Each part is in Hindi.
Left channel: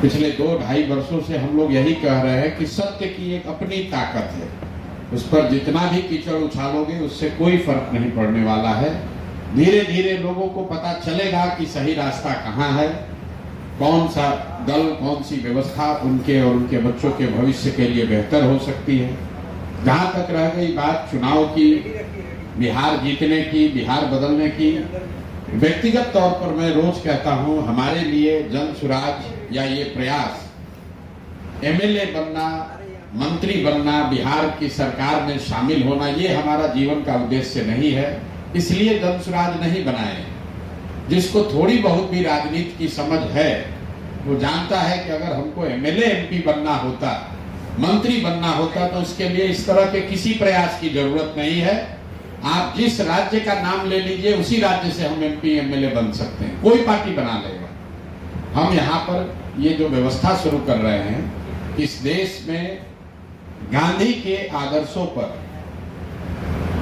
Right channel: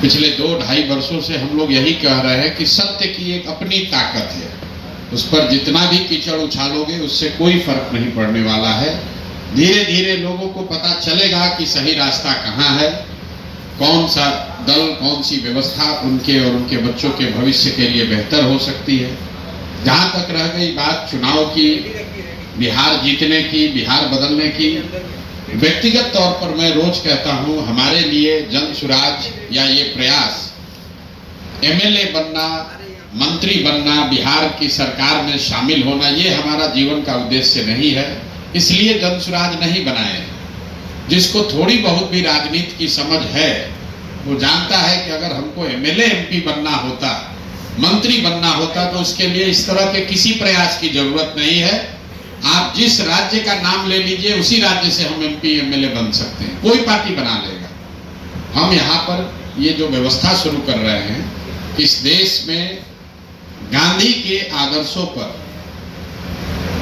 पिछले 2-2.5 वर्षों से हम लोग यही कह रहे हैं कि सत्य की एक अपनी ताकत है, उस पर जितना भी कीचड़ उछालोगे उससे कोई फर्क नहीं पड़ने वाला है। धीरे धीरे लोगों को पता चलेगा कि सही रास्ता कहाँ है, कौन सा दल, कौन सी व्यवस्था उनके और उनके बच्चों के भविष्य के लिए बेहतर हो सकती है। जहाँ तक रह गई बात चुनाव की, बिहार जीतने की, बिहार बदलने की, व्यक्तिगत तौर पर मैं रोज कहता हूँ, हमारे लिए जन सुराज या ये प्रयास एमएलए बनना, मंत्री बनना, बिहार की सरकार में शामिल होना, ये हमारा जीवन का उद्देश्य नहीं है। इसलिए जन सुराज नहीं बनाए। जिसको थोड़ी बहुत भी राजनीति की समझ है वो जानता है कि अगर हमको एमएलए एमपी बनना होता, मंत्री बनना होता, तो उसके लिए इस तरह के किसी प्रयास की जरूरत नहीं है। आप जिस राज्य का नाम ले लीजिए, उसी राज्य से हम एमपी एमएलए बन सकते हैं, कोई पार्टी बना लेगा। हम यहाँ पर ये जो व्यवस्था शुरू कर रहे हैं, इस देश में गांधी के आदर्शों पर,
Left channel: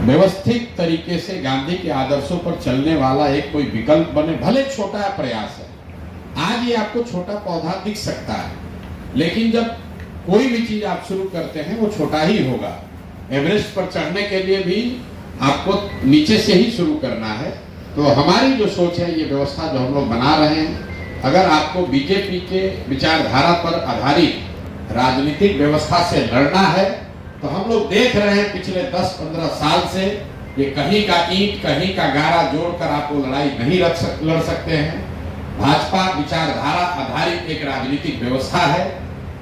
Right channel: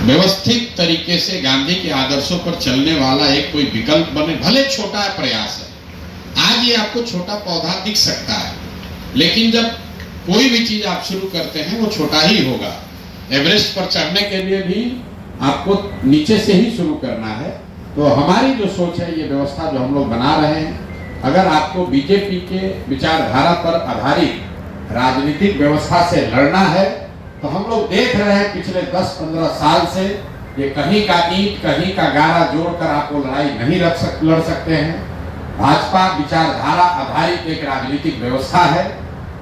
व्यवस्थित तरीके से गांधी के आदर्शों पर चलने वाला एक कोई विकल्प बने, भले छोटा प्रयास है। आज ये आपको छोटा पौधा दिख सकता है, लेकिन जब कोई भी चीज आप शुरू करते हैं वो छोटा ही होगा। एवरेस्ट पर चढ़ने के लिए भी आपको नीचे से ही शुरू करना है। तो हमारी जो सोच है, ये व्यवस्था जो हम लोग बना रहे हैं, अगर आपको बीजेपी के विचारधारा पर आधारित राजनीतिक व्यवस्था से लड़ना है, तो हम लोग देख रहे हैं पिछले 10-15 साल से ये कहीं का ईंट कहीं का गारा जोड़कर आपको लड़ाई नहीं लड़ सकते हैं। भाजपा विचारधारा आधारित एक राजनीतिक व्यवस्था है,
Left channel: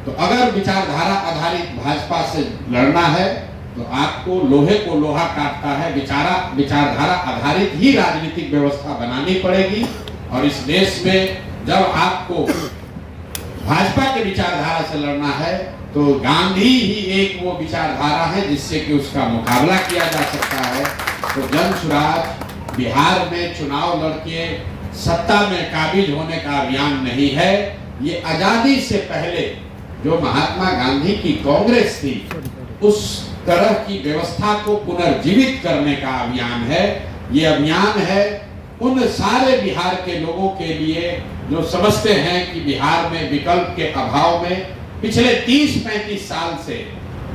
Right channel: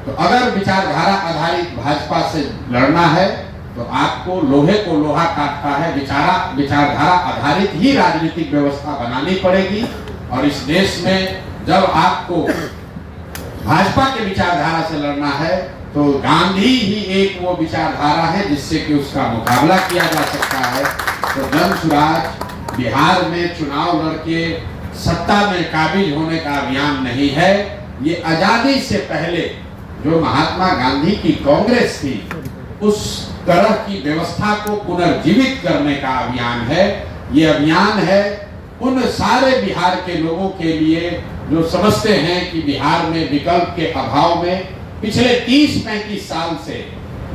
तो अगर विचारधारा आधारित भाजपा से लड़ना है तो आपको लोहे को लोहा काटता है, विचारधारा आधारित ही राजनीतिक व्यवस्था बनानी पड़ेगी। और इस देश में जब आपको भाजपा के विचारधारा से लड़ना है तो गांधी ही एक वो विचारधारा है जिससे कि उसका मुकाबला किया जा सकता है। तो जन सुराज बिहार में चुनाव लड़के सत्ता में काबिज होने का अभियान नहीं है। ये आजादी से पहले जो महात्मा गांधी की कांग्रेस थी, उस तरह की व्यवस्था को पुनर्जीवित करने का अभियान है। ये अभियान है उन सारे बिहार के लोगों के लिए जो समझते हैं कि बिहार में विकल्प के अभाव में पिछले 30-35 साल से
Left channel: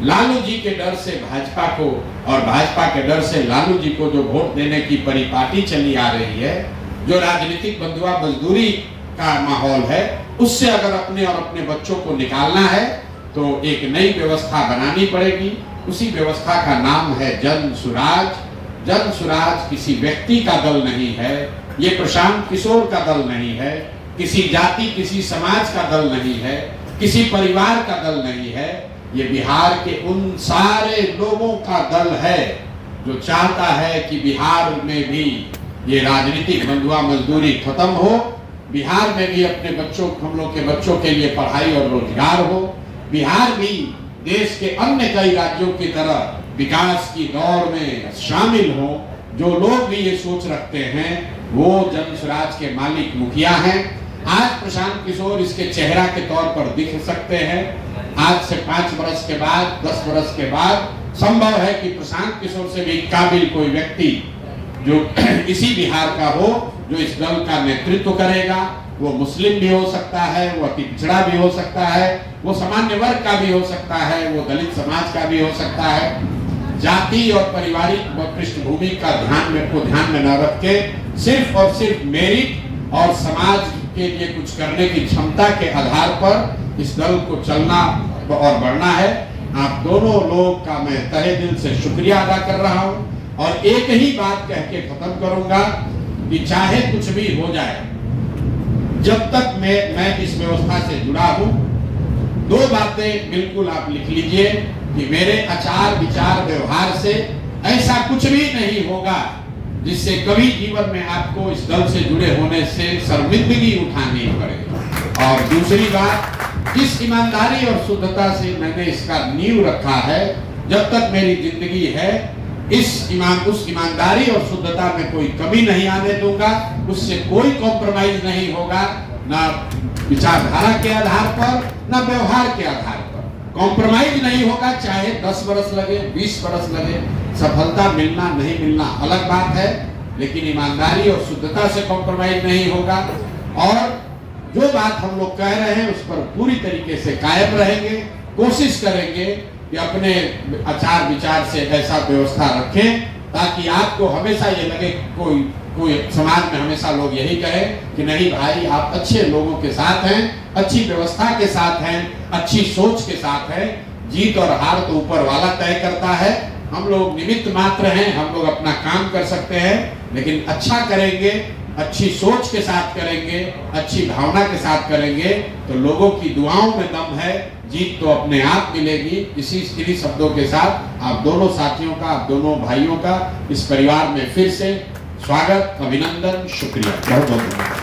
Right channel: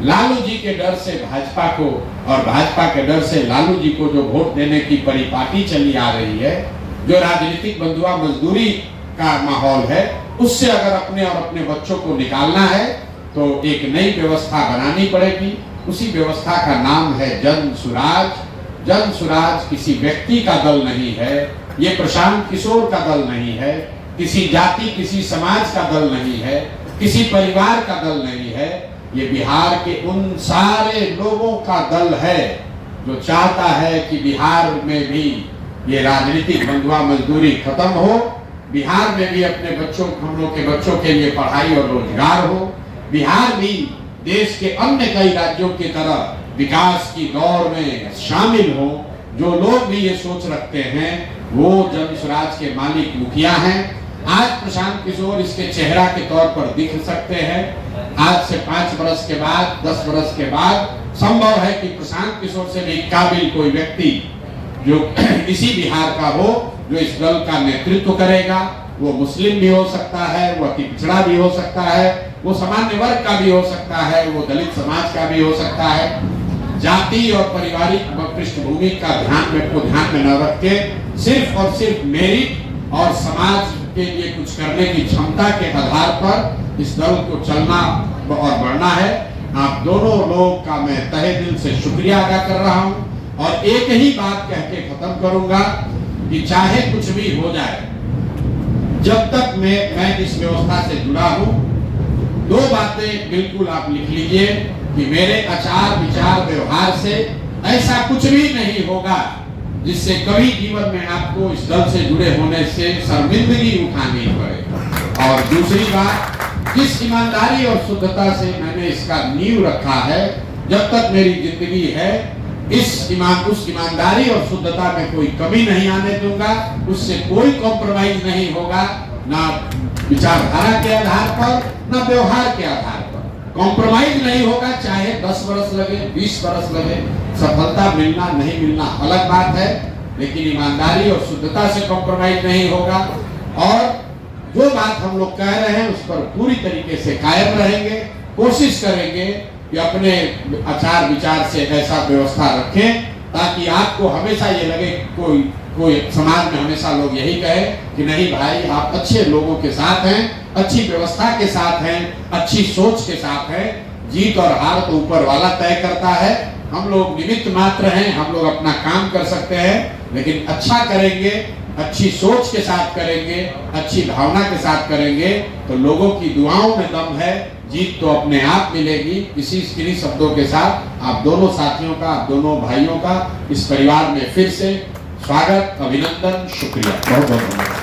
लालू जी के डर से भाजपा को और भाजपा के डर से लालू जी को जो वोट देने की परिपाटी चली आ रही है, जो राजनीतिक बंधुआ मजदूरी का माहौल है, उससे अगर अपने और अपने बच्चों को निकालना है तो एक नई व्यवस्था बनानी पड़ेगी। उसी व्यवस्था का नाम है जन सुराज। जन सुराज किसी व्यक्ति का दल नहीं है, ये प्रशांत किशोर का दल नहीं है, किसी जाति किसी समाज का दल नहीं है, किसी परिवार का दल नहीं है। ये बिहार के उन सारे लोगों का दल है जो चाहता है कि बिहार में भी ये राजनीतिक बंधुआ मजदूरी खत्म हो, बिहार में भी अपने बच्चों, हम लोग के बच्चों के लिए पढ़ाई और रोजगार हो, बिहार भी देश के अन्य कई राज्यों की तरह विकास की दौड़ में शामिल हो। जो लोग भी ये सोच रखते हैं वो जन सुराज के मालिक मुखिया हैं। आज प्रशांत किशोर इसके चेहरा के तौर पर दिख सकते हैं। आज से 5 वर्ष के बाद, 10 वर्ष के बाद संभव है कि प्रशांत किशोर से भी काबिल कोई व्यक्ति जो इसी बिहार का हो, जो इस दल का नेतृत्व करेगा। वो मुस्लिम भी हो सकता है, वो अति पिछड़ा भी हो सकता है, वो सामान्य वर्ग का भी हो सकता है, वो दलित समाज का भी हो सकता है। जाति और पारिवारिक पृष्ठभूमि का ध्यान में न रख के सिर्फ और सिर्फ मेरिट और समाज के लिए कुछ करने की क्षमता के आधार पर इस दल को चलना और बढ़ना है। आप दोनों लोग का मैं तहे दिल से शुक्रिया अदा कर रहा हूँ और एक ही बात कह के खत्म करूंगा कि चाहे कुछ भी हो जाए, जब तक मैं इस व्यवस्था से जुड़ा हूं, 2 बातें बिल्कुल आप लिख लीजिए कि मेरे आचार विचार व्यवहार से ऐसा कुछ भी नहीं होगा जिससे कभी जीवन में आपको इस दल से जुड़े होने से शर्मिंदगी उठानी पड़े। और दूसरी बात, जिस ईमानदारी और शुद्धता से मैंने इसका नींव रखा है, जब तक मेरी जिंदगी है, उस ईमानदारी और शुद्धता में कोई कमी नहीं आने दूंगा। उससे कोई कॉम्प्रोमाइज नहीं होगा, ना विचारधारा के आधार पर, ना व्यवहार के आधार पर कॉम्प्रोमाइज नहीं होगा। चाहे 10 वर्ष लगे, 20 वर्ष लगे, सफलता मिलना नहीं मिलना अलग बात है, लेकिन ईमानदारी और शुद्धता से कॉम्प्रोमाइज नहीं होगा। और जो बात हम लोग कह रहे हैं उस पर पूरी तरीके से कायम रहेंगे, कोशिश करेंगे कि अपने आचार विचार से ऐसा व्यवस्था रखें ताकि आपको हमेशा ये लगे कोई समाज में हमेशा लोग यही कहे कि नहीं भाई आप अच्छे लोगों के साथ हैं, अच्छी व्यवस्था के साथ हैं, अच्छी सोच के साथ हैं। जीत और हार तो ऊपर वाला तय करता है, हम लोग निमित्त मात्र हैं, हम लोग अपना काम कर सकते हैं, लेकिन अच्छा करेंगे, अच्छी सोच के साथ करेंगे, अच्छी भावना के साथ करेंगे तो लोगों की दुआओं में दम है, जीत तो अपने आप मिलेगी। इन्हीं शब्दों के साथ आप दोनों साथियों का, आप दोनों भाइयों का इस परिवार में फिर से स्वागत, अभिनंदन, शुक्रिया, बहुत बहुत धन्यवाद।